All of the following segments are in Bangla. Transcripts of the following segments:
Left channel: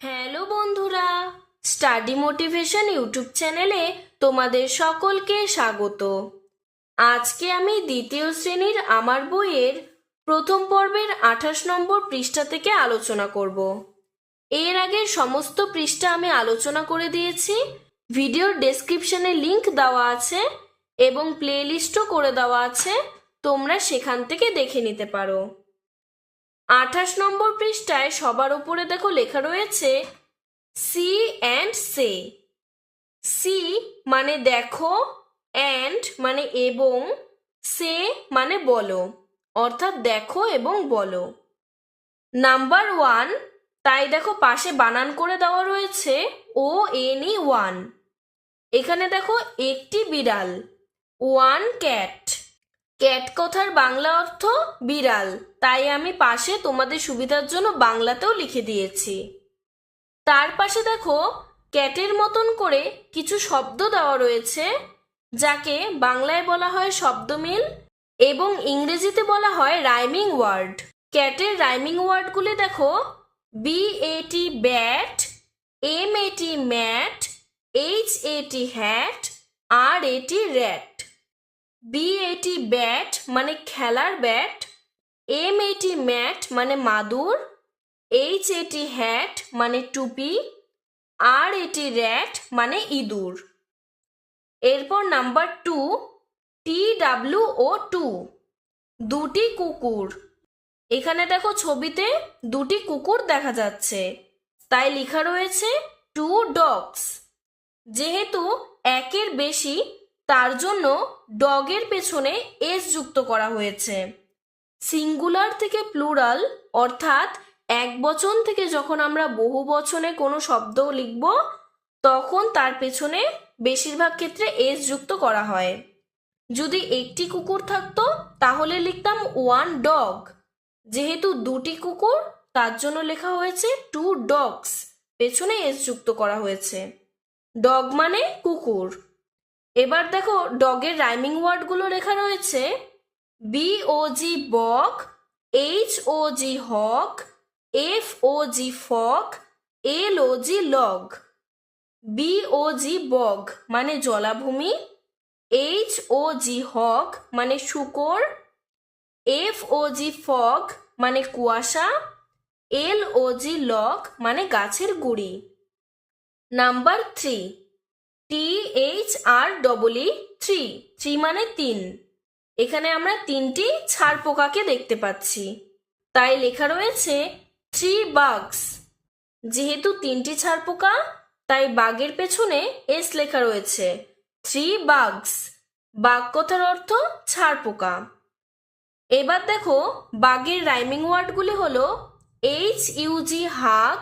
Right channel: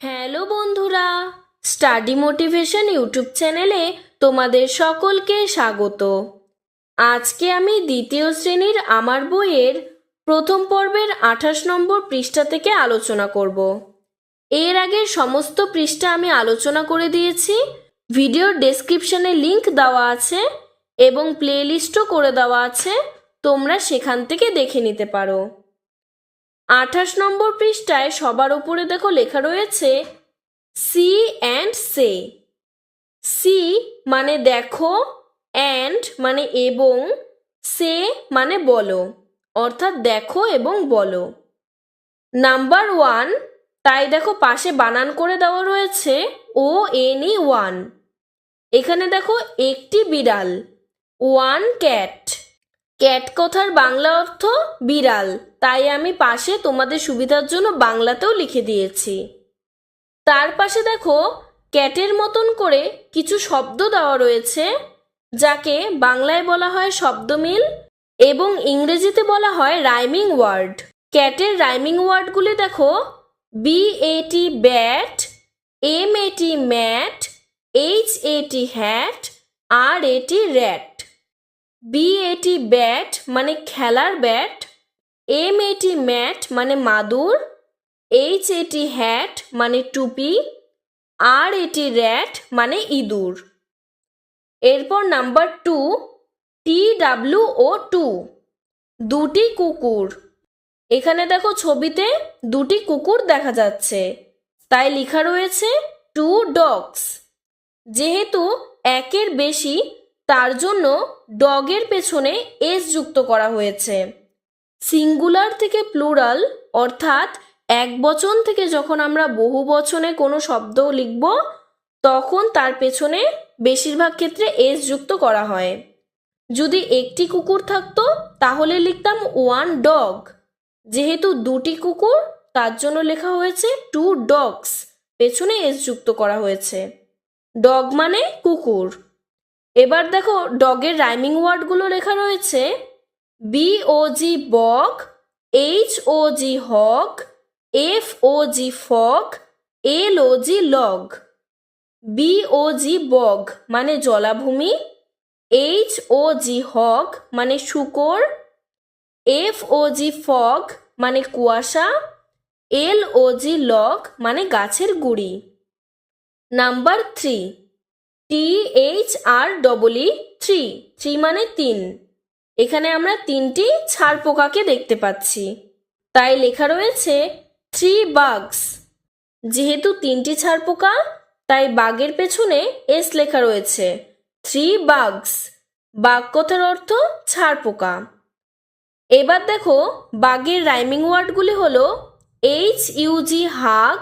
হ্যালো বন্ধুরা, স্টাডি মোটিভেশন ইউটিউব চ্যানেলে তোমাদের সকলকে স্বাগত। আজকে আমি দ্বিতীয় শ্রেণীর আমার বইয়ের প্রথম পর্বের 28 নম্বর পৃষ্ঠা থেকে আলোচনা করব। এর আগের সমস্ত পৃষ্ঠা আমি আলোচনা করে দিয়েছি। ভিডিওর ডেসক্রিপশনে লিংক দেওয়া আছে এবং প্লেলিস্টও করে দেওয়া আছে, তোমরা সেখান থেকে দেখে নিতে পারো। 28 নম্বর পৃষ্ঠায় সবার উপরে দেখো লেখা রয়েছে সি অ্যান্ড সে। সি মানে দেখো, অ্যান্ড মানে এবং, সে মানে বলো, অর্থাৎ দেখো এবং বলো। নাম্বার 1, তাই দেখো পাশে বানান করে দেওয়া রয়েছে ONE 1। এখানে দেখো একটি বিড়াল, ওয়ান ক্যাট। ক্যাট কথার বাংলা অর্থ বিড়াল, তাই আমি পাশে তোমাদের সুবিধার জন্য বাংলাতেও লিখে দিয়েছি। তার পাশে দেখো ক্যাটের মতন করে কিছু শব্দ দেওয়া রয়েছে, যাকে বাংলায় বলা হয় শব্দমিল এবং ইংরেজিতে বলা হয় রাইমিং ওয়ার্ড। ক্যাটের রাইমিং ওয়ার্ডগুলি দেখো BAT bat, MAT mat, HAT hat, RAT rat. BAT bat মানে খেলার ব্যাট, MAT ম্যাট মানে মাদুর, HAT হ্যাট মানে টুপি, RAT র্যাট মানে ইঁদুর। এরপর নাম্বার 2, TWO2, দুটি কুকুর। এখানে দেখো ছবিতে দুটি কুকুর দেখা যাচ্ছে, তাই লেখা রয়েছে 2 dogs। যেহেতু একের বেশি, তার জন্য ডগের পেছনে এস যুক্ত করা হয়েছে। সিঙ্গুলার থেকে প্লুরাল অর্থাৎ এক বচন থেকে যখন আমরা বহু বচনে কোনো শব্দ লিখব, তখন তার পেছনে বেশিরভাগ ক্ষেত্রে এস যুক্ত করা হয়। যদি একটি কুকুর থাকতো তাহলে লিখতাম 1 dog। যেহেতু দুটি কুকুর, তার জন্য লেখা হয়েছে 2 dogs, পেছনে এস যুক্ত করা হয়েছে। ডগ মানে কুকুর। এবার দেখো ডগের রাইমিং ওয়ার্ডগুলো লেখা রয়েছে BOG বক, HOG হক, FOG ফক, LOG লগ। BOG বগ মানে জলাভূমি, HOG হক মানে শূকর, FOG ফগ মানে কুয়াশা, LOG লগ মানে গাছের গুড়ি। নাম্বার 3, THREE, 3 মানে 3। এখানে আমরা 3টি ছাড় পোকাকে দেখতে পাচ্ছি, তাই লেখা রয়েছে 3 bugs। যেহেতু 3টি ছাড় পোকা, তাই বাঘের পেছনে এস লেখা রয়েছে 3 bugs। বাঘ কথার অর্থ ছাড় পোকা। এবার দেখো বাঘের রাইমিং ওয়ার্ডগুলি হলো HUG হাগ,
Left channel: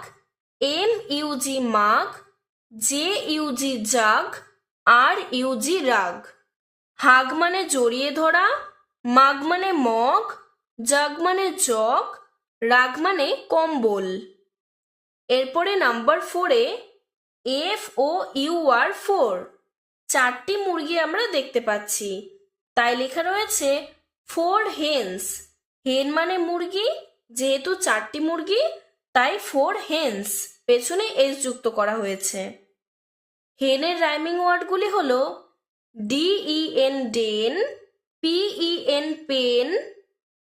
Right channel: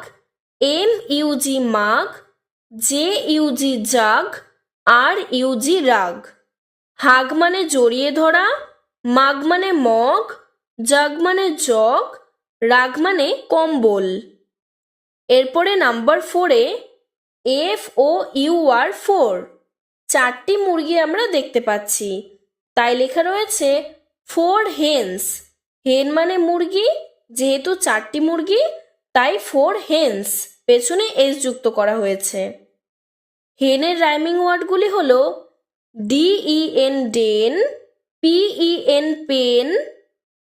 MUG মাগ, JUG জাগ, RUG রাগ। হাগ মানে জড়িয়ে ধরা, মাগ মানে মগ, জাগ মানে জগ, রাগ মানে কম্বল। এরপরে নাম্বার 4-এ FOUR 4, 4টি মুরগি আমরা দেখতে পাচ্ছি, তাই লেখা রয়েছে 4 hens। হেন মানে মুরগি, যেহেতু 4টি মুরগি তাই 4 hens, পেছনে এস যুক্ত করা হয়েছে। হেনের রাইমিং ওয়ার্ডগুলি হলো DEN den, PEN pen,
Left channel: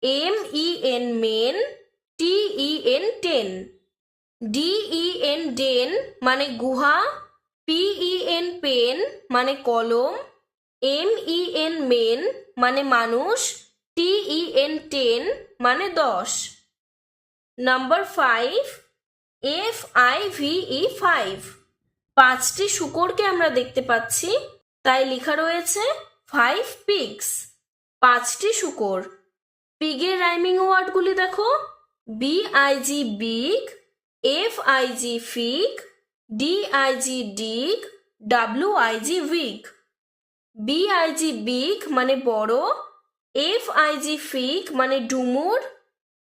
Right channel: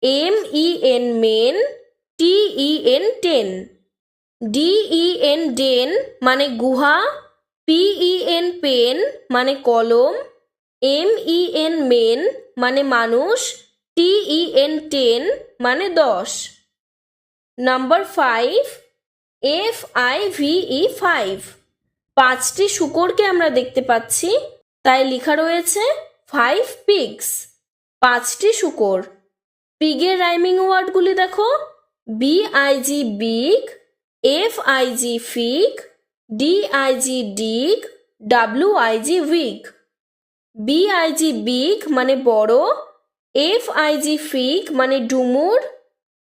MEN men, TEN ten. DEN den মানে গুহা, PEN পেন মানে কলম, MEN মেন মানে মানুষ, TEN টেন মানে 10। নাম্বার 5, FIVE 5, 5টি শূকরকে আমরা দেখতে পাচ্ছি, তাই লেখা রয়েছে 5 pigs, 5টি শূকর। পিগের রাইমিং ওয়ার্ডগুলি দেখো BIG big, FIG fig, DIG ডিগ, WIG wig. BIG big মানে বড়, FIG ফিগ মানে ডুমুর,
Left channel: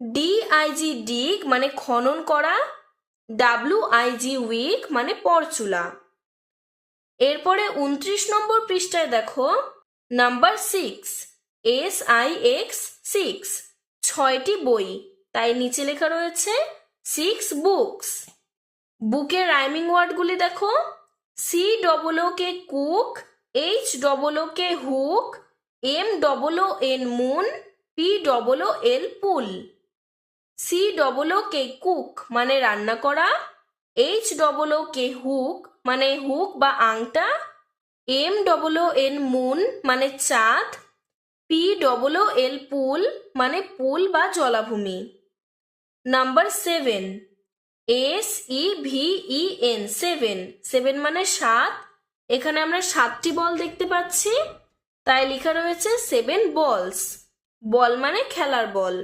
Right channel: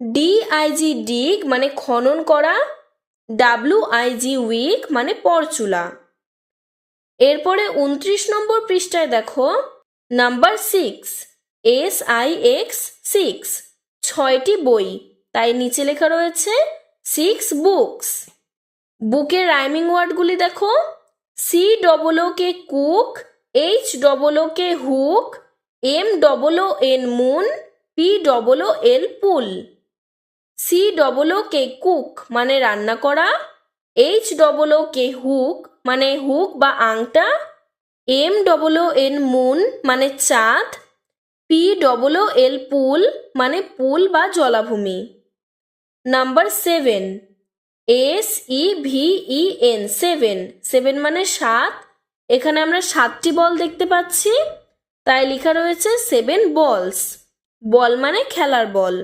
DIG ডিগ মানে খনন করা, WIG উইগ মানে পরচুলা। এরপরে 29 নম্বর পৃষ্ঠায় দেখো নাম্বার 6, SIX 6, 6টি বই, তাই নিচে লেখা রয়েছে 6 বুকস। বুকের রাইমিং ওয়ার্ডগুলি দেখো, C double O K cook, H double O K hook, M double O N moon, P double O L pool. C double O K cook মানে রান্না করা, H double O K hook মানে হুক বা আংটা, M double O N moon মানে চাঁদ, পি ডবল ও এল পুল মানে পুল বা জলাভূমি। Number 7, S E V E N, 7, 7 মানে 7। এখানে আমরা 7টি বল দেখতে পাচ্ছি, তাই লেখা রয়েছে 7 বলস। বল মানে খেলার বল।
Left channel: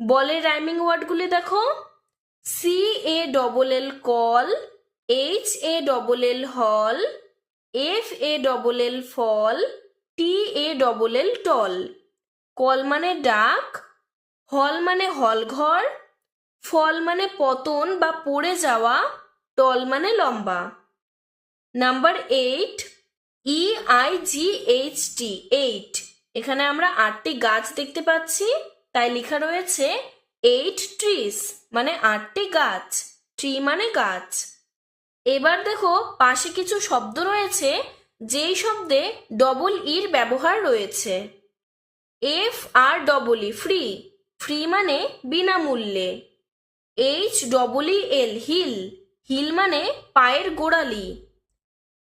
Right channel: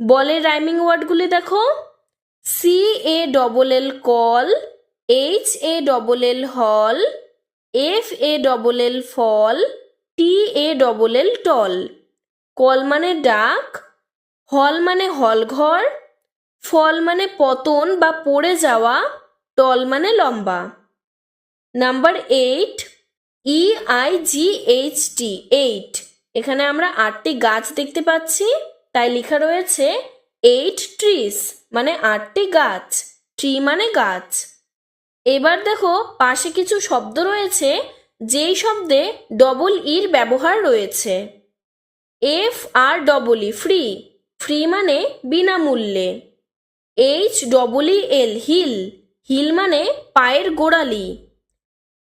বলের রাইমিং ওয়ার্ডগুলি দেখো, C A double L call, H A double L hall, F A double L fall, T A double L tall. Call মানে ডাক, হল মানে হল ঘর, ফল মানে পতন বা পড়ে যাওয়া, টল মানে লম্বা। Number 8, E I G H T, 8। এখানে আমরা 8টি গাছ দেখতে পাচ্ছি, তাই লেখা রয়েছে 8 ট্রিস মানে 8টি গাছ, ট্রি মানে গাছ। এবার দেখো পাশে কিছু শব্দ রয়েছে যেই শব্দে ডবল ইর ব্যবহার রয়েছে। F R double E, free, free মানে বিনামূল্যে। H double E L, heel, heel মানে পায়ের গোড়ালি।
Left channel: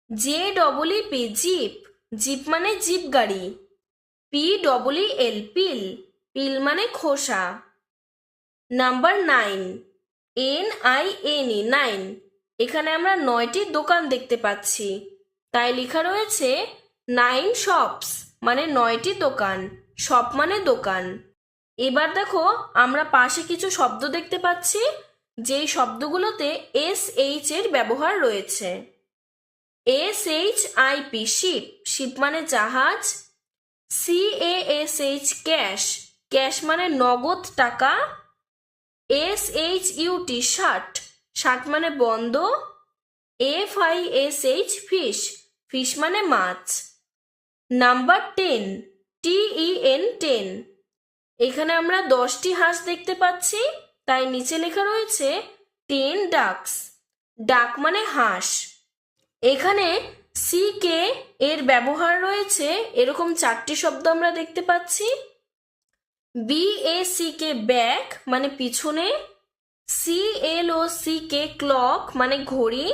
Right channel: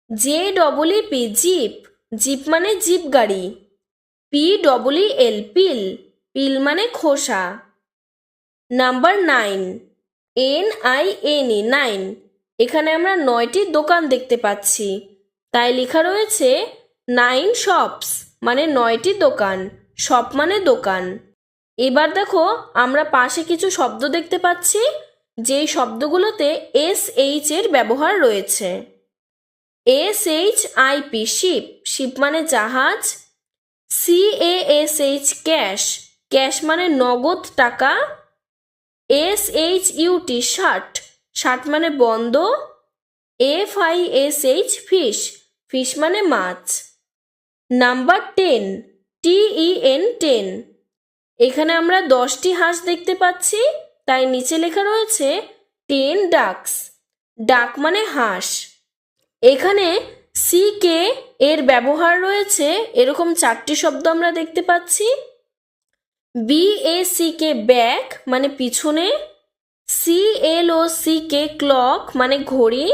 J double E P, jeep, jeep মানে জিপ গাড়ি। P double E L, peel, peel মানে খোসা। Number 9, N I N E, 9। এখানে আমরা 9টি দোকান দেখতে পাচ্ছি, তাই লেখা রয়েছে 9 শপস মানে 9টি দোকান, শপ মানে দোকান। এবার দেখো আমরা পাশে কিছু শব্দ দেখতে পাচ্ছি যেই শব্দগুলোতে এস এইচ এর ব্যবহার রয়েছে। S H I P, ship, ship মানে জাহাজ। C A S H, cash, cash মানে নগদ টাকা। S H U T, shut, shut মানে বন্ধ। F I S H, fish, fish মানে মাছ। নাম্বার 10, টি ই এন, 10। এখানে আমরা 10টি হাঁস দেখতে পাচ্ছি, তাই নিচে লেখা রয়েছে 10 ডাকস, ডাক মানে হাঁস। এখানে সি কে এর ব্যবহার রয়েছে এরকম 4টি শব্দ আমরা দেখতে পাচ্ছি। B A C K, back মানে পিছনে। C L O C K, clock মানে ঘড়ি।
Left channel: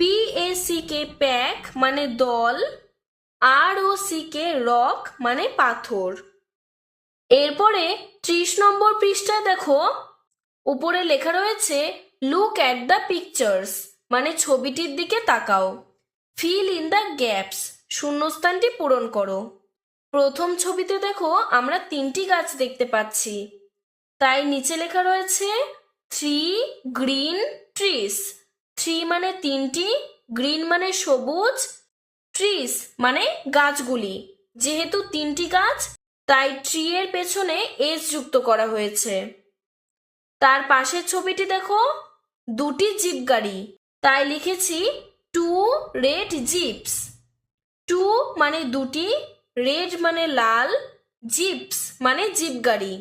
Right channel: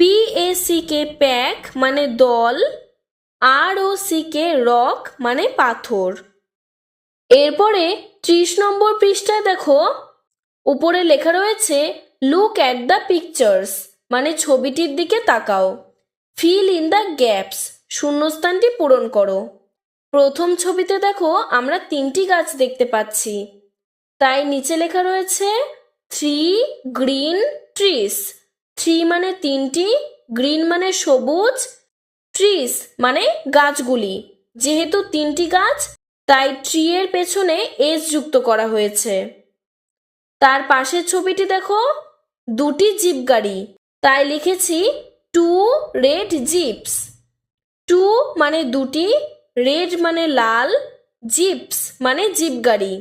P A C K, pack মানে দল। আর ও সি কে, রক মানে পাথর। এরপরে 30 নম্বর পৃষ্ঠায় দেখো উপরে লেখা রয়েছে লুক অ্যাট দ্য পিকচার্স মানে ছবিটির দিকে তাকাও। ফিল ইন দ্য গ্যাপস, শূন্যস্থানটি পূরণ করো। প্রথম ছবিতে দেখো আমরা 3টি গাছ দেখতে পাচ্ছি, তাই নিচে লেখা রয়েছে 3 গ্রিন ট্রিস। 3 মানে 3টি, গ্রিন মানে সবুজ, ট্রিস মানে গাছগুলি। যেহেতু 3টি গাছ তাই ট্রি এর পেছনে এস যুক্ত করা হয়েছে। তার পাশের ছবিটি দেখো 2টি জিপ গাড়ি, তাই লিখেছি 2 রেড জিপস। 2 মানে 2টি, রেড মানে লাল, জিপস মানে জিপ গাড়ি।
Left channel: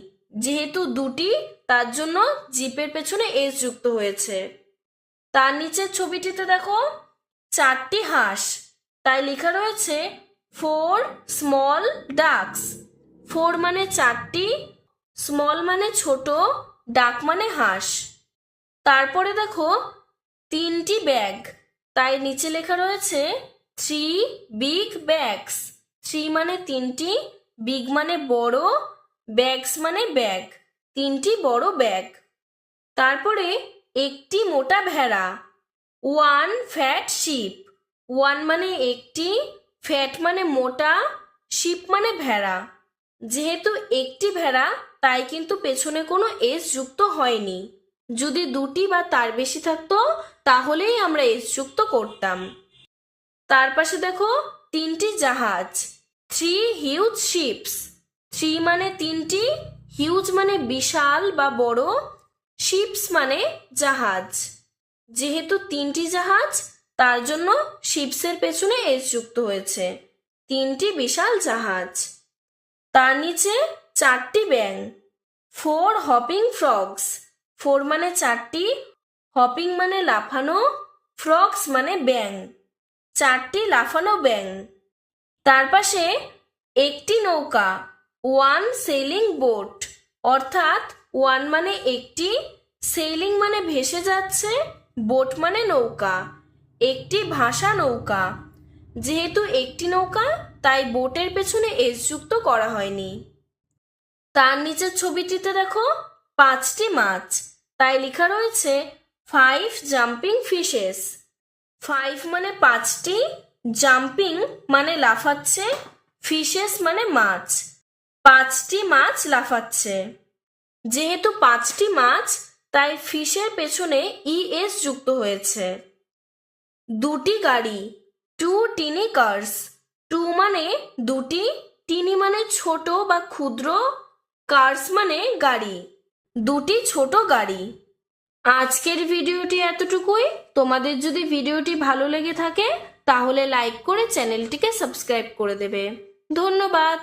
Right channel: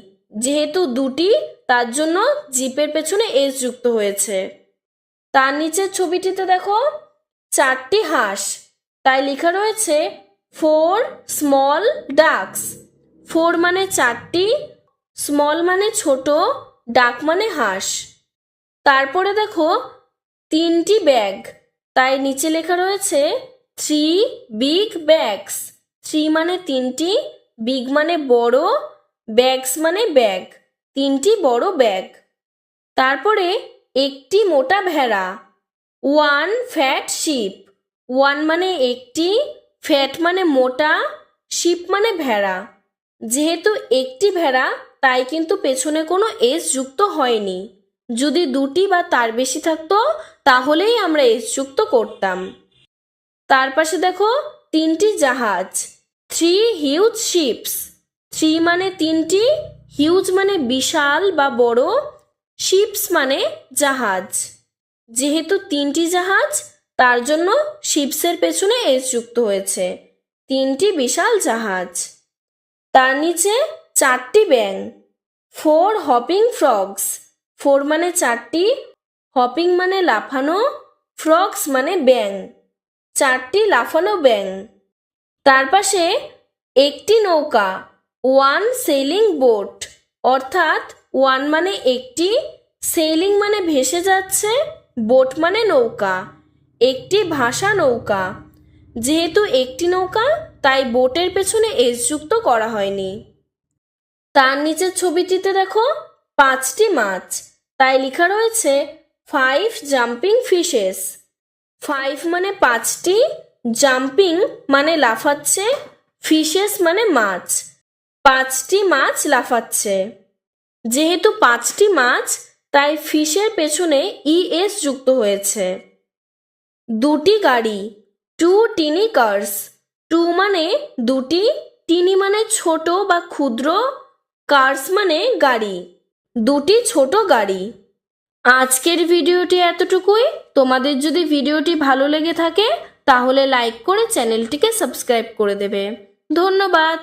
যেহেতু 2টি তার জন্য জিপের পেছনে এস যুক্ত হয়েছে। তার নিচের ছবিটিতে দেখো 4টি হাঁস, তাই লেখা রয়েছে 4 স্মল ডাকস। 4 মানে 4টি, স্মল মানে ছোট, ডাক মানে হাঁস। তারপরে দেখো 3টি ব্যাগ, তাই নিচে লেখা রয়েছে 3 বিগ ব্যাগস। 3 মানে 3টি, বিগ মানে বড়, ব্যাগস মানে ব্যাগ, 3টি বড় ব্যাগ। তারপরে একটি মোটা ভেড়া, 1 ফ্যাট শিপ। 1 মানে একটি, ফ্যাট মানে মোটা, শিপ মানে ভেড়া। যেহেতু একটি ভেড়া তাই কিন্তু পেছনে কোনো এস যুক্ত হয়নি। যদি 2টি বা তার বেশি থাকতো তাহলেই আমরা এস যুক্ত করতাম। তার পাশে দেখো 3টি জাহাজ, 3 হিউজ শিপস। 3 মানে 3টি, হিউজ মানে বিশাল বা বড়, শিপস মানে জাহাজ। যেহেতু 3টি জাহাজ তার জন্য শিপসের পেছনে এস যুক্ত হয়েছে, 3টি বিশাল জাহাজ। তার নিচে 4টি ব্যাঙ, 4 হপিং ফ্রগস। 4 মানে 4টি, হপিং মানে লাফানো, ফ্রগস মানে ব্যাং, 4টি লাফানো ব্যাং। তার পাশে একটি নৌকা, ওয়ান সেলিং বোট, অর্থাৎ ওয়ান মানে একটি, সেলিং মানে ভেসে যাচ্ছে, বোট মানে নৌকা, একটি ভাসা নৌকা। যেহেতু একটি নৌকা তাই বোটের পেছনে এস যুক্ত করা হয়নি। তার নিচের ছবিটিতে দেখো 5টি মাছ, তাই লেখা রয়েছে 5 জাম্পিং ফিশেস। 5 মানে 5টি, জাম্পিং মানে লাফাচ্ছে, ফিশেস মানে মাছ, 5টি মাছ লাফাচ্ছে। যেহেতু 5টি মাছ তাই ফিশের পেছনে ইএস যুক্ত হয়েছে। 2টি গাড়ি, 2 টিনি কার্স, 2 মানে 2টি, টিনি মানে ছোট বা ক্ষুদ্র, কার্স মানে গাড়ি, 2টি ছোট গাড়ি। আজকের ভিডিওটি এতটুকুই। তোমাদের যদি ভিডিওটি ভালো লেগে থাকে তাহলে লাইক করে চ্যানেলটিকে সাবস্ক্রাইব করে দেবে। ধন্যবাদ।